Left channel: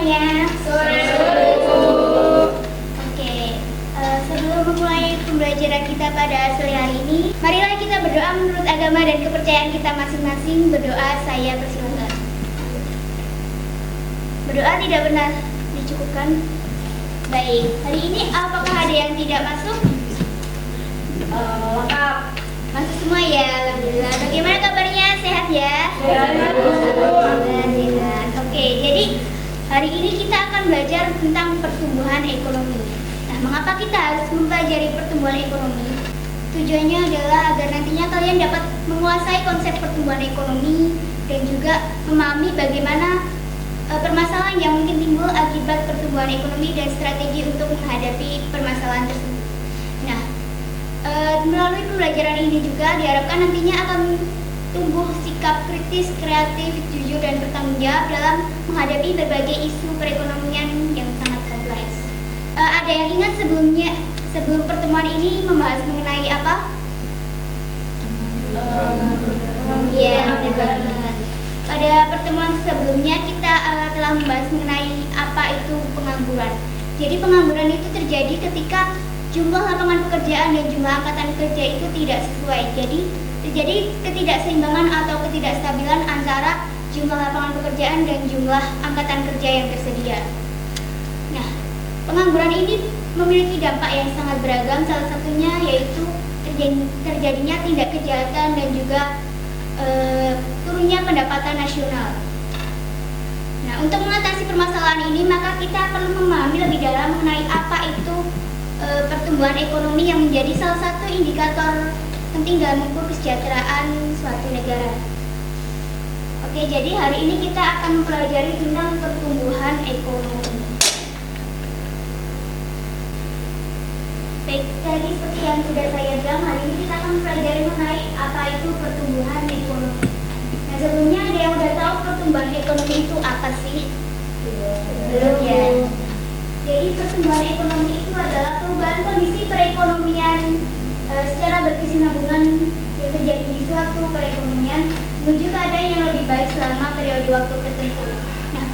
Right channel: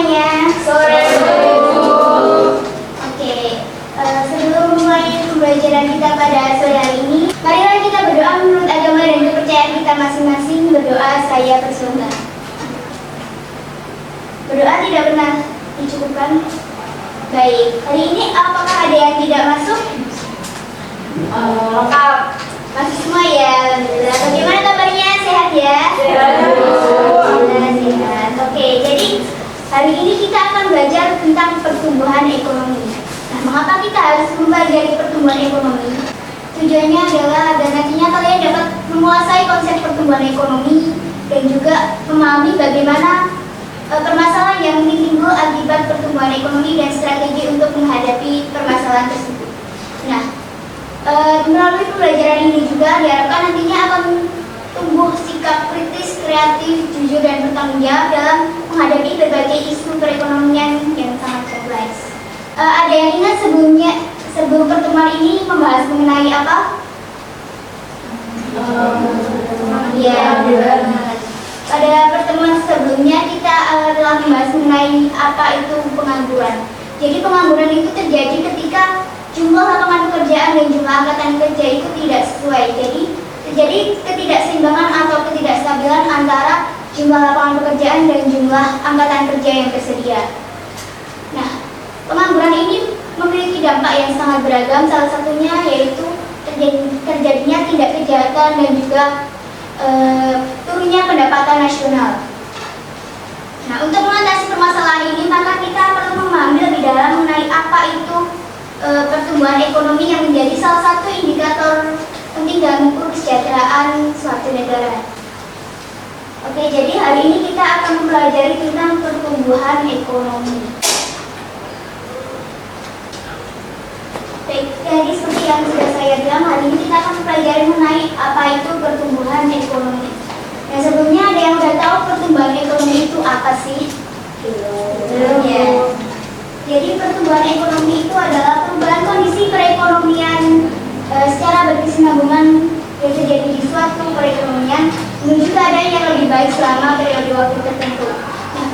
semuanya. Sore. Oke, sebelum memulai pembelajaran kita pada sore hari ini, marilah kita berdoa menurut agama dan kepercayaan kita masing-masing. Berdoa, saya persilakan. Berdoa tidak pernah dicukupkan. Baik, hari ini apakah ada yang tidak masuk? Lengkap. Masuk semua ya. Alhamdulillah. Bagaimana kabarnya? Sehat ya? Sehat. Alhamdulillah, sehat. Oke, jadi hari ini kita akan belajar tentang pertumbuhan ekonomi. Nah, mengapa kita harus mempelajari pertumbuhan ekonomi? Tujuannya adalah agar nantinya kalian dapat menguasai konsep pertumbuhan ekonomi dan juga memahami bagaimana permasalahan yang mungkin timbul akibat pertumbuhan ekonomi dan strategi untuk menghadapi permasalahan tersebut. Nah, melalui pembelajaran ini juga diharapkan nantinya akan tumbuh sikap kritis, kreatif, jujur, dan bertanggung jawab dalam menghadapi berbagai isu perekonomian yang sangat kompleks. Ada yang ingat sebelum pertemuan ini membahas mengenai apa? Ya, pada pertemuan sebelumnya kita telah membahas mengenai apa itu pengangguran. Jadi pengangguran itu terjadi ketika jumlah lapangan pekerjaan dan jumlah angkatan kerja itu tidak sesuai. Jadi terjadi ketidakseimbangan atau ketidakstabilan antara jumlah lapangan pekerjaan dan jumlah angkatan kerja yang tersedia. Nah, pengangguran ini memiliki dampak yang sangat beragam. Salah satunya yaitu terjadinya tidak kejahatan dan juga turunnya pendapatan nasional. Nah, untuk mengatasi permasalahan ini maka kita perlu memahami lebih dalam mengenai apa itu pertumbuhan ekonomi yang menjadi salah satu indikator penting dalam mengukur kesejahteraan suatu negara. Oke, jadi hari ini kita akan mempelajari tentang pertumbuhan ekonomi. Baik, tadi seperti yang sudah saya bilang, hari ini kita akan mempelajari mengenai apa itu pertumbuhan ekonomi. Nah, sebelumnya ada yang sudah tahu pertumbuhan ekonomi itu apa sih? Belum ya. Jadi pertumbuhan ekonomi itu adalah perubahan kondisi perekonomian secara berkesinambungan yang terjadi di suatu perekonomian menuju keadaan yang lebih baik selama periode waktu tertentu. Nah,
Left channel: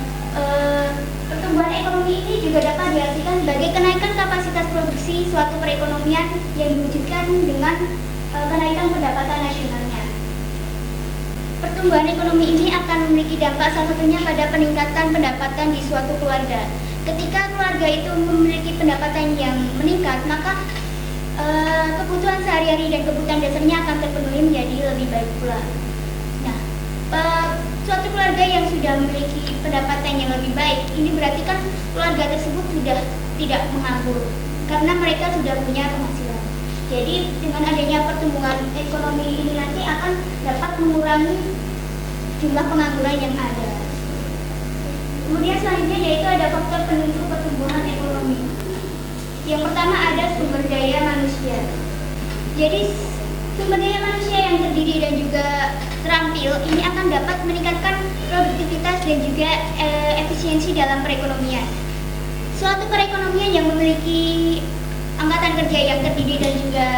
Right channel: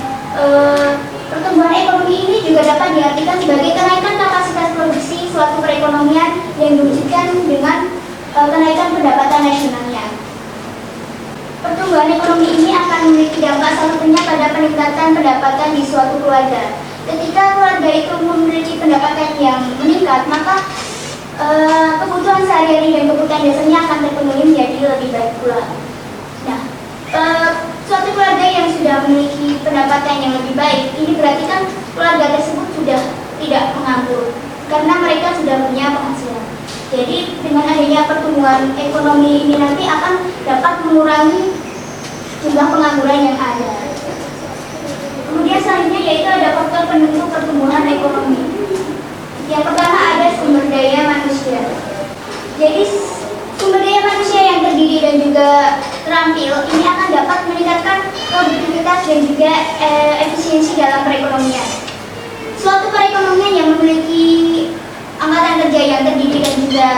pertumbuhan ekonomi ini juga dapat diartikan sebagai kenaikan kapasitas produksi suatu perekonomian yang diwujudkan dengan kenaikan pendapatan nasionalnya. Pertumbuhan ekonomi ini akan memiliki dampak salah satunya pada peningkatan pendapatan di suatu keluarga. Ketika keluarga itu memiliki pendapatan yang meningkat, maka kebutuhan sehari-hari dan kebutuhan dasarnya akan terpenuhi menjadi lebih baik pula. Nah, suatu keluarga yang sudah memiliki pendapatan yang lebih baik, ini berarti kan keluarga tersebut sudah tidak menganggur karena mereka sudah punya penghasilan. Jadi dengan adanya pertumbuhan ekonomi ini nanti akan dapat mengurangi jumlah pengangguran yang ada. Kemudian selanjutnya yaitu ada faktor penentu pertumbuhan ekonomi. Yang pertama ada sumber daya manusia. Jadi sumber daya manusia yang terdiri dan juga terampil ini akan dapat meningkatkan produktivitas dan juga efisiensi dalam perekonomian. Suatu perekonomian yang memiliki angkatan kerja yang terdiri dan juga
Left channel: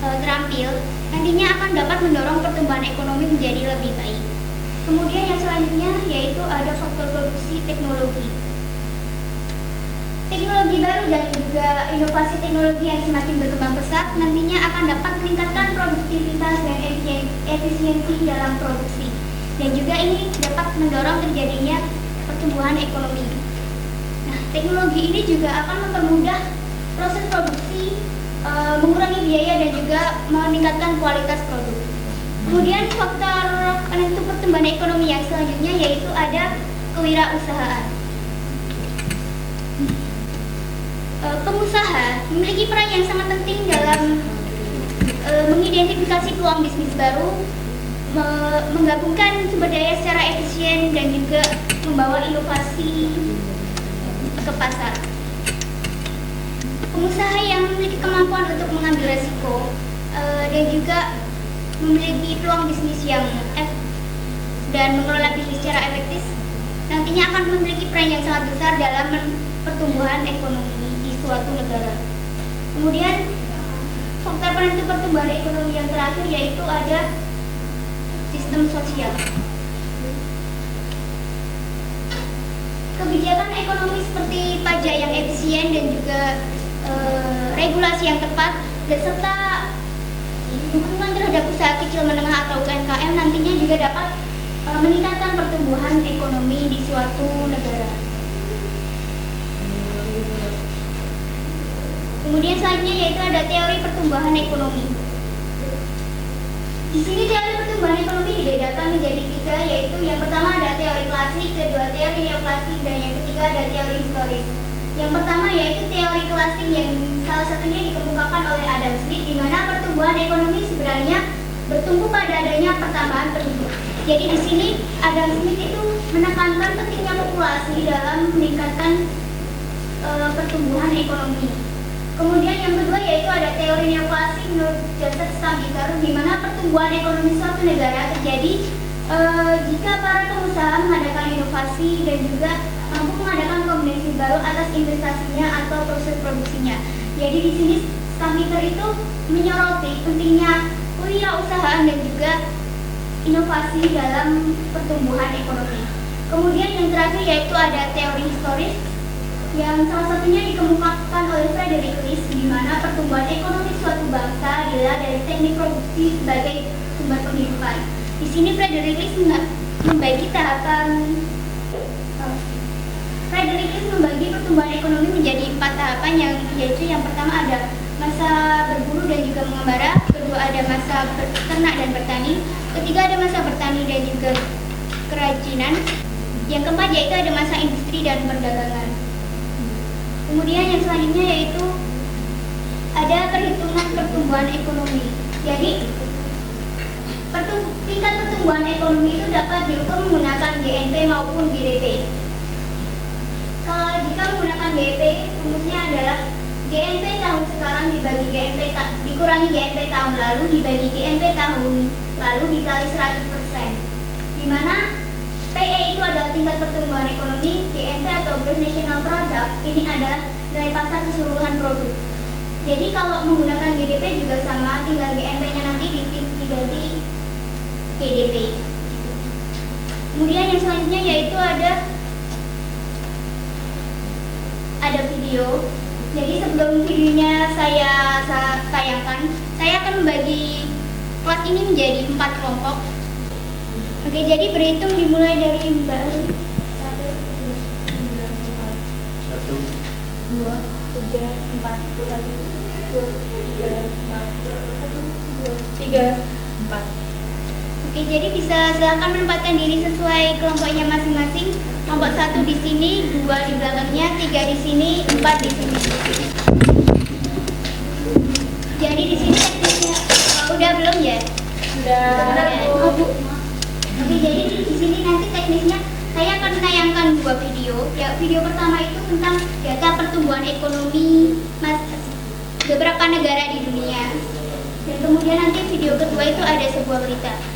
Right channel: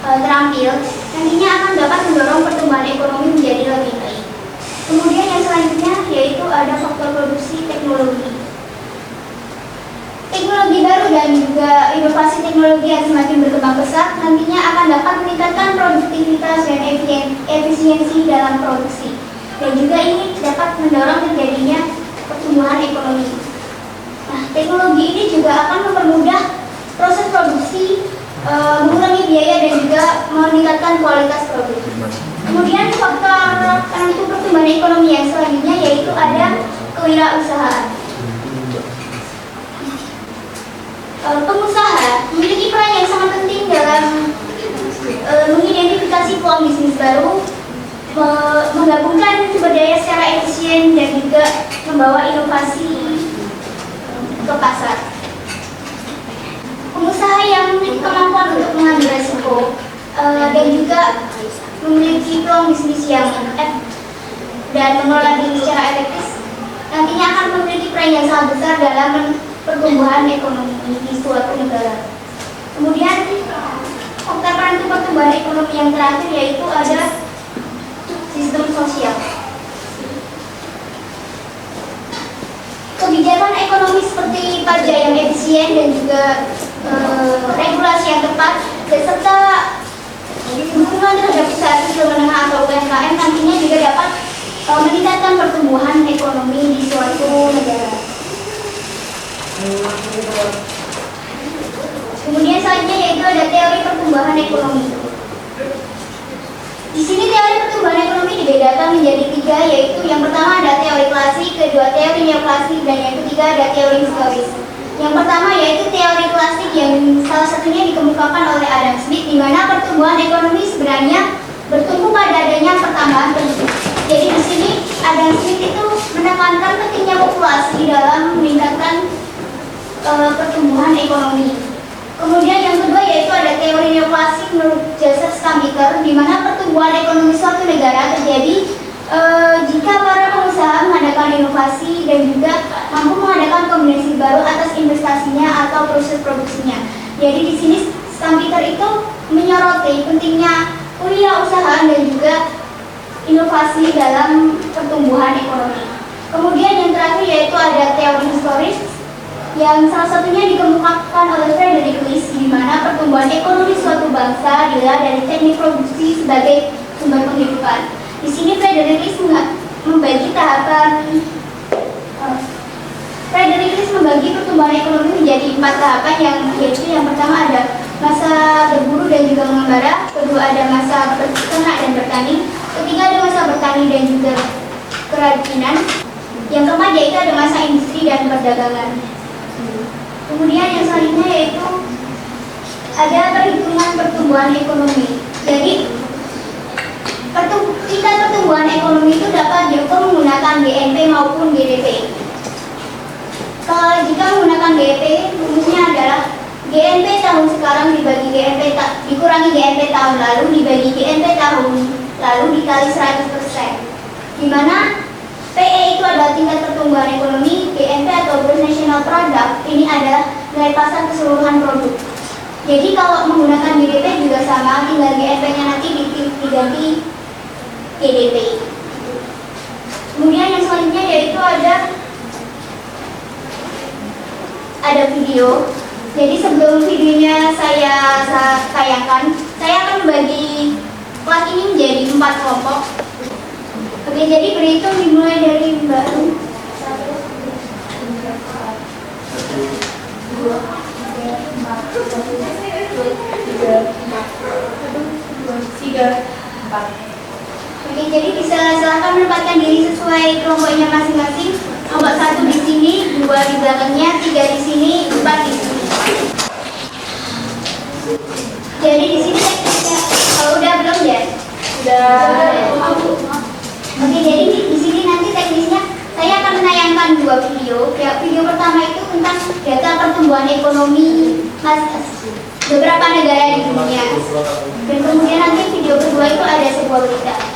terampil nantinya akan dapat mendorong pertumbuhan ekonomi menjadi lebih baik. Kemudian yang selanjutnya yaitu ada faktor produksi teknologi. Teknologi baru dan juga inovasi teknologi yang semakin berkembang pesat nantinya akan dapat meningkatkan produktivitas dan efisiensi dalam produksi. Dan juga ini dapat mendorong terjadinya pertumbuhan ekonomi. Nah, teknologi ini juga akan mempermudah proses produksi, mengurangi biaya dan juga meningkatkan kualitas produk. Kemudian faktor penentu pertumbuhan ekonomi yang selanjutnya yaitu ada kewirausahaan. Pengusaha memiliki peran yang sangat penting dalam mengidentifikasi peluang bisnis baru, menggabungkan sumber daya secara efisien dan juga membawa inovasi ke pasar. Pengusaha yang memiliki kemampuan untuk mengambil risiko dan juga memiliki peluang bisnis yang dan mengelola diri secara efektif nantinya akan memiliki peran yang sangat besar dalam pertumbuhan ekonomi di suatu negara. Kemudian faktor penentu pertumbuhan ekonomi yang terakhir yaitu ada sistem sosial. kebijakan ekonomi seperti pajak yang efisien dan juga regulasi yang tepat beserta dukungan terhadap usaha kecil menengah atau UMKM nantinya juga dapat meningkatkan pertumbuhan ekonomi di suatu negara. Kemudian selanjutnya yaitu ada teori pertumbuhan ekonomi. Di sini teori pertumbuhan ekonomi dibedakan menjadi tiga, yaitu yang pertama ada teori klasik, kedua teori neoklasik, dan yang ketiga ada teori historis. Yang pertama yaitu teori klasik yang salah satunya dikemukakan oleh Adam Smith, di mana pertumbuhan ekonomi sebenarnya bertumbuh pada adanya pertambahan penduduk. Jadi di sini Adam Smith itu menekankan pentingnya populasi dalam meningkatkan pertumbuhan ekonomi. Kemudian yang kedua yaitu ada teori neoklasik menurut Joseph Stiglitz, di mana pertumbuhan ekonomi suatu negara terjadi jika para pengusaha mengadakan inovasi dan juga mampu mengadakan kombinasi baru atas investasinya atau proses produksinya. Jadi di sini Stiglitz itu menyoroti pentingnya wirausaha dan juga inovasi dalam pertumbuhan ekonomi. Kemudian yang terakhir yaitu ada teori historis yang salah satunya dikemukakan oleh Frederick List, di mana pertumbuhan ekonomi suatu bangsa dilihat dari teknik produksi sebagai sumber penghidupan. Di sini Frederick List membagi pertumbuhan ekonomi menjadi 4 tahapan, yaitu yang pertama ada masa berburu dan juga mengembara, kedua ada masa berternak dan bertani, ketiga ada masa bertani dan juga kerajinan, yang keempat yaitu ada masa industri dan perdagangan. Kemudian yang selanjutnya yaitu ada perhitungan pertumbuhan ekonomi. Jadi tingkat pertumbuhan ekonomi itu dapat diukur menggunakan GNP maupun GDP. Kalau jika menggunakan GDP, rumusnya adalah GNP tahun sekarang dikurangi GNP tahun lalu dibagi GNP tahun lalu dikali 100%. Di mana PE itu adalah tingkat pertumbuhan ekonomi, GNP atau Gross National Product ini adalah nilai pasar keseluruhan produk. Jadi kalau menggunakan GDP juga sama, tinggal GNP-nya nanti diganti GDP. Kemudian yang selanjutnya yaitu ada video. Jadi sebelum videonya saya tayangkan, saya akan membagi kelas ini menjadi 4 kelompok. Oke, jadi berhitung dimulai dari Mbak Rum. 1, 2, 3, 4. Oke, jadi bisa silakan menempatkan diri sesuai kelompoknya masing-masing. Nomor 1 di sini, 2 di belakangnya, 3 di sini, 4 di sini. Jadi di sini udah belum ya? Udah. Oke, jadi di sini nanti teknisnya saya akan menayangkan 2 video. Ya, video pertama itu tentang data pertumbuhan ekonomi beberapa negara di dunia. Dan kemudian nanti video kedua itu ada sebuah berita.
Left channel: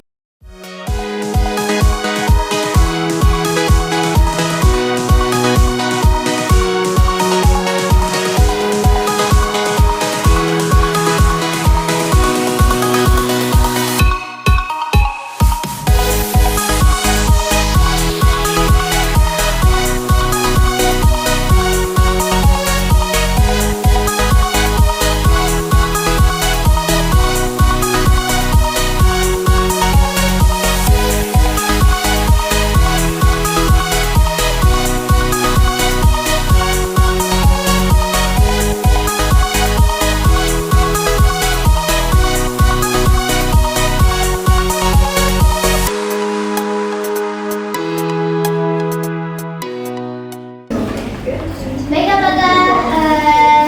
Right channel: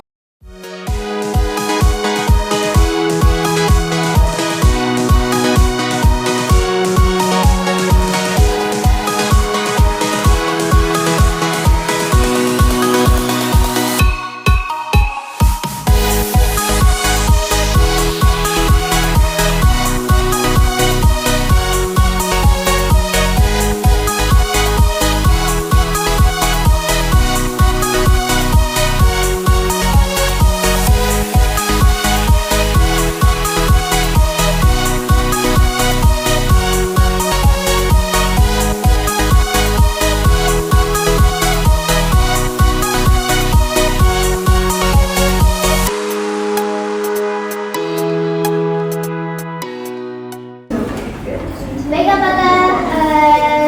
Baik, apakah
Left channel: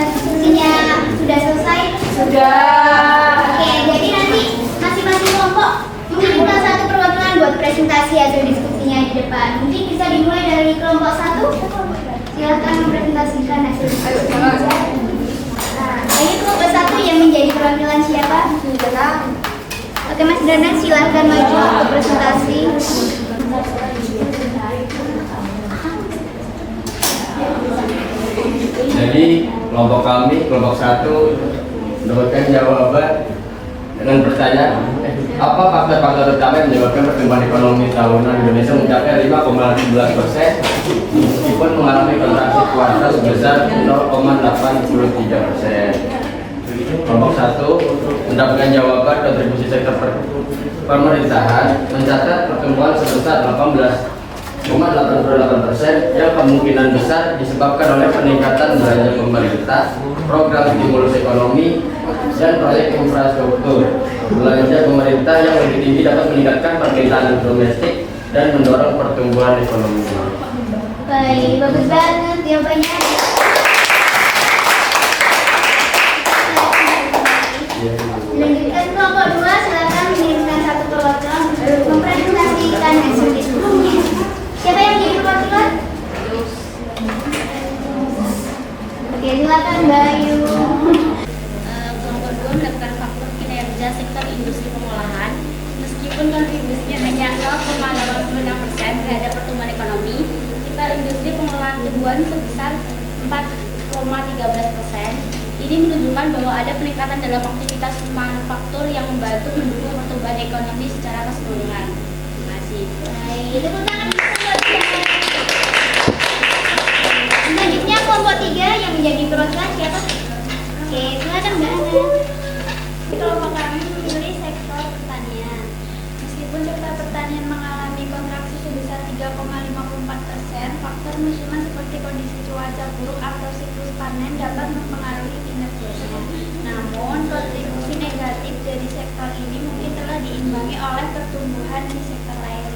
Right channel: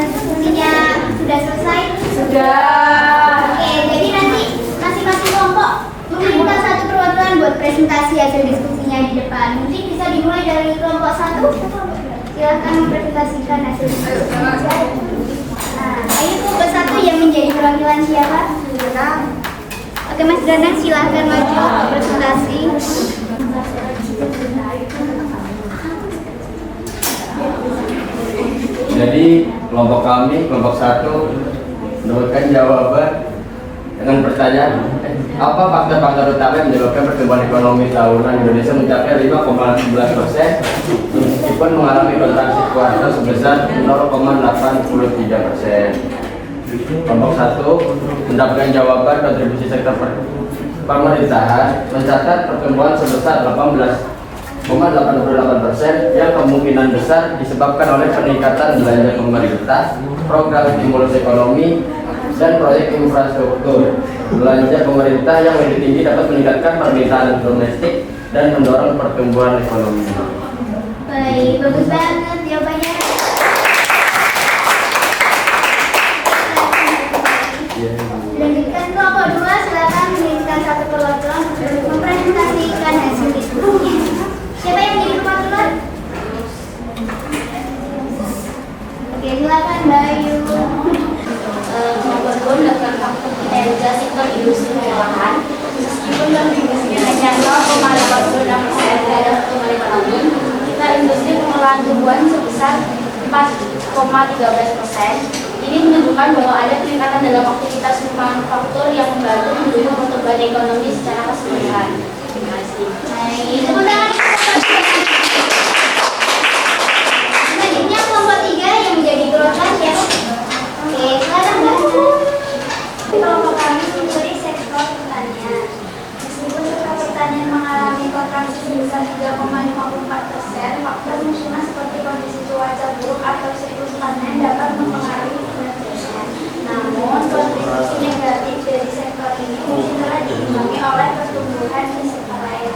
diskusinya sudah selesai? Sudah. Oke, jadi nanti masing-masing kelompok mengirimkan satu perwakilan buat presentasi hasil diskusinya di depan. Mungkin bisa dimulai dari kelompok 1. Silakan mempresentasikan hasil diskusinya. Nah, ini kelompok 1 yang menjadi perwakilan siapa? Oke, Mas Danang, silahkan maju untuk presentasi. Jadi kelompok kami, kelompok 1 mendapatkan jawaban dengan pertanyaan apa faktor-faktor utama yang menyebabkan pertumbuhan ekonomi tahunan Indonesia mencapai 5,17%. meskipun mengalami kontraksi kuartal sebesar 0,83%. Kelompok 1 mendapatkan jawaban kontribusi sektor pemerintahan mencatat pertumbuhan sebesar 18,88% yang kemungkinan besar disebabkan oleh peningkatan belanja pemerintah, program stimulus ekonomi, dan proyek infrastruktur. Belanja pemerintah yang lebih tinggi dapat meningkatkan permintaan domestik dan mendorong pertumbuhan ekonomi. Baik, bagus banget jawabannya. Lanjutkan kelompok 2, silakan mengirimkan satu perwakilan untuk mempresentasikan hasil diskusinya. Siapa yang jadi perwakilan? Oke, silakan Mbak Ayu. Kelompok 2 mendapatkan faktor kinerja sektor industri pengolahan. Meskipun kontribusinya hanya 0,86% terhadap pertumbuhan ekonomi, kita industri pengolahan tumbuhan sebesar 4,13%. Ini menunjukkan bahwa ada peningkatan dalam aktivitas manufaktur yang membantu mendukung pertumbuhan ekonomi secara keseluruhan. Terima kasih. Baik, tepuk tangan. Selanjutnya kelompok 3 yang menjadi perwakilan siapa? Oke, silakan Mbak. Kelompok kami memberi sektor pertanian. Meskipun sektor pertanian mengalami kontraksi sebesar 3,54%, faktor musiman seperti kondisi cuaca buruk atau siklus panen dapat mempengaruhi kinerjanya. Namun, kontribusi negatif dari sektor ini mungkin telah diimbangi oleh pertumbuhan di sektor lain.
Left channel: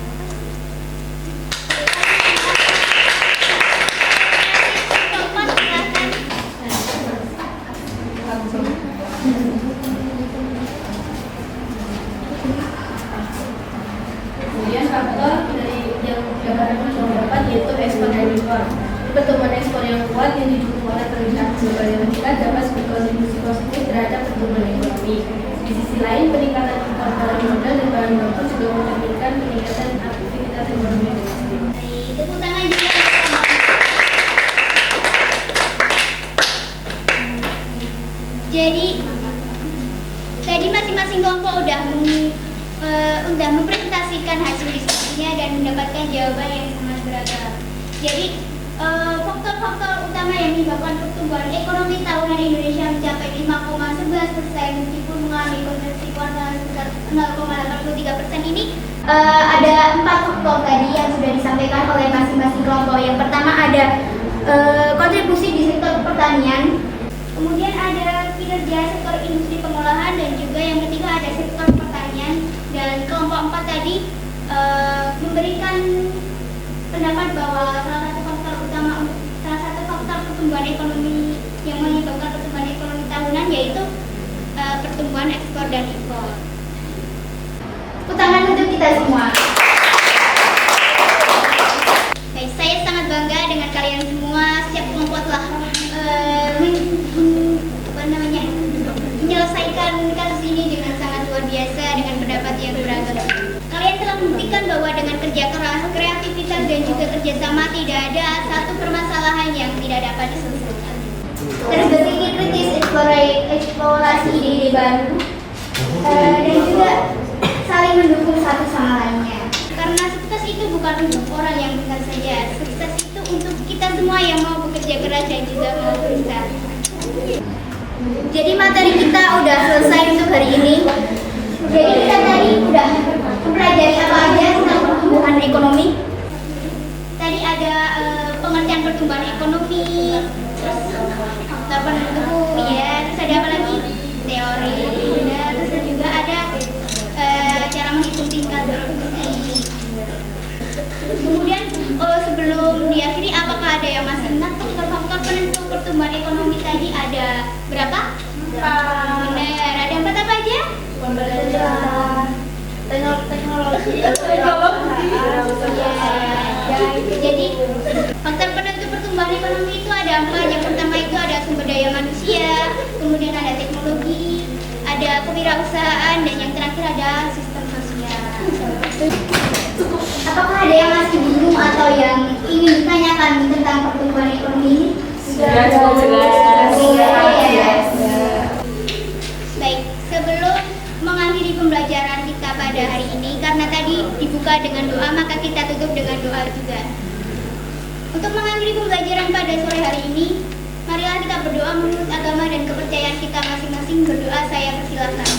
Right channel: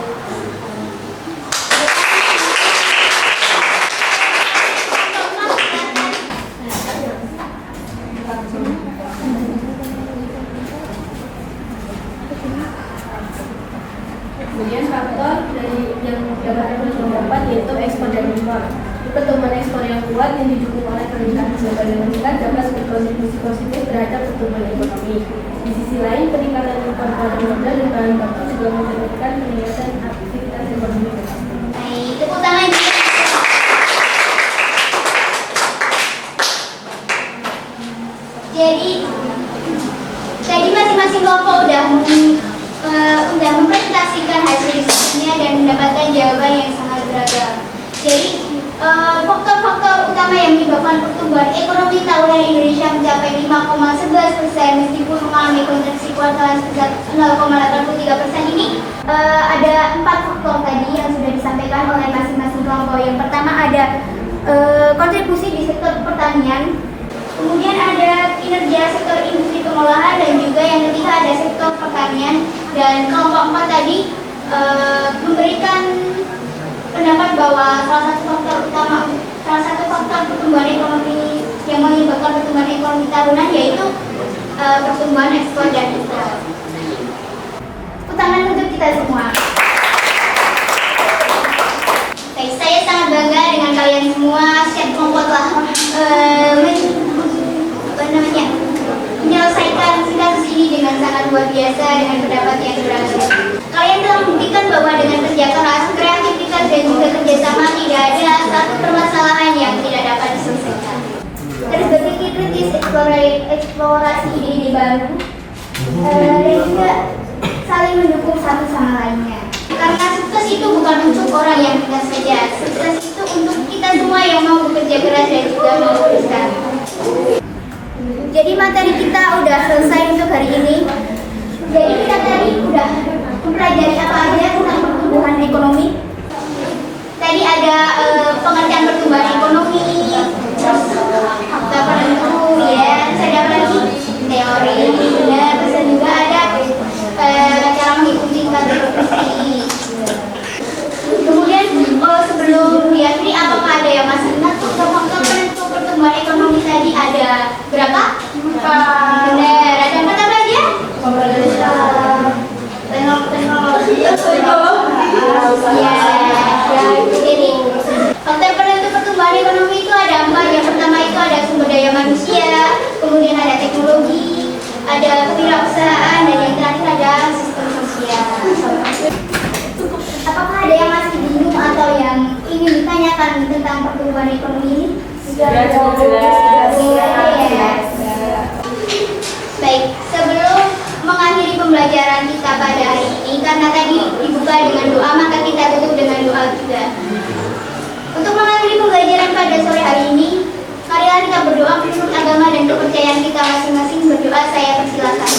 Kemudian faktor dari yang dapat yaitu ekspor dan impor. Pertumbuhan ekspor yang kuat yang didukung oleh permintaan global yang meningkat dapat berkontribusi positif terhadap pertumbuhan ekonomi. Di sisi lain, peningkatan impor barang modal dan bahan baku juga mencerminkan peningkatan aktivitas ekonomi domestik. Baik, tepuk tangan. Jadi masing-masing kelompok udah mempresentasikan hasil diskusinya dan mendapatkan jawaban yang sangat beragam. Jadi faktor-faktor utama yang menyebabkan pertumbuhan ekonomi tahunan Indonesia mencapai 5,11% meskipun mengalami kontraksi kuartal sebesar 0,83% ini ada 4 faktor tadi yang sudah disampaikan oleh masing-masing kelompok. Yang pertama ada kontribusi di sektor pertanian, kemudian ada kinerja sektor industri pengolahan, dan juga yang ketiga ada sektor pertanian. Dan kelompok 4 tadi memberikan pendapat bahwa salah satu faktor pertumbuhan ekonomi yang menyebabkan pertumbuhan ekonomi tahunan yaitu pertumbuhan ekspor dan impor. Tepuk tangan untuk kita semua. Baik, saya sangat bangga dengan kalian semua. Setiap kelompok telah menyelesaikan kasus ini dengan sangat luar biasa dengan pendapat yang beragam. Kalian telah membuktikan bahwa dengan kerja keras, kreativitas, dan juga kerjasama tidak ada satu permasalahan yang tidak dapat diselesaikan. Terus berpikir kritis, eksplorasi ide-ide baru, dan juga saling mendukung satu sama lainnya. Karena sukses itu bukan untuk orang yang pintar saja, sukses itu untuk kita semua yang mau bekerja keras dan juga mau berusaha. Jadi materi kita udah selesai untuk hari ini. Jadi kita tadi udah mempelajari apa aja tentang pertumbuhan ekonomi. Tadi ada pengertian pertumbuhan ekonomi, terus apa dulu ya, ada apa lagi? Teori, ya, terus juga ada cara menghitung tingkat produksi. Kemudian sebelum diakhiri, apakah ada yang masih ingat faktor pertumbuhan ekonomi tadi ada berapa? Benar, ada apa aja? Teknologi. Jadi faktor penentu pertumbuhan ekonomi itu ada 4. Yang pertama itu ada sumber daya manusia, kemudian ada teknologi, ada kewirausahaan, dan yang terakhir ada sistem sosial. Apakah ada yang masih bingung atau yang ingin ditanyakan tentang pertumbuhan ekonomi ini? Baik, sebelum mengakhiri pembelajaran kita pada hari ini, karena tadi dibuka dengan doa, maka kita tutup dengan doa juga. Untuk mengakhiri hari ini. Marilah kita berdoa menurut agama dan kepercayaan kita masing-masing. Berdoa, saya persilakan.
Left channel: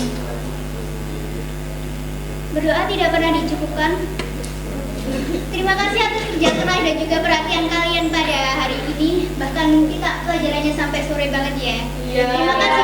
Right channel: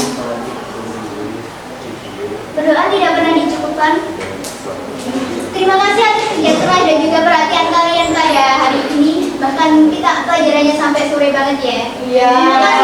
Berdoa tidak pernah dicukupkan. Terima kasih atas kerja keras dan juga perhatian kalian pada hari ini. Bahkan kita pelajarannya sampai sore banget ya. Iya. Terima kasih.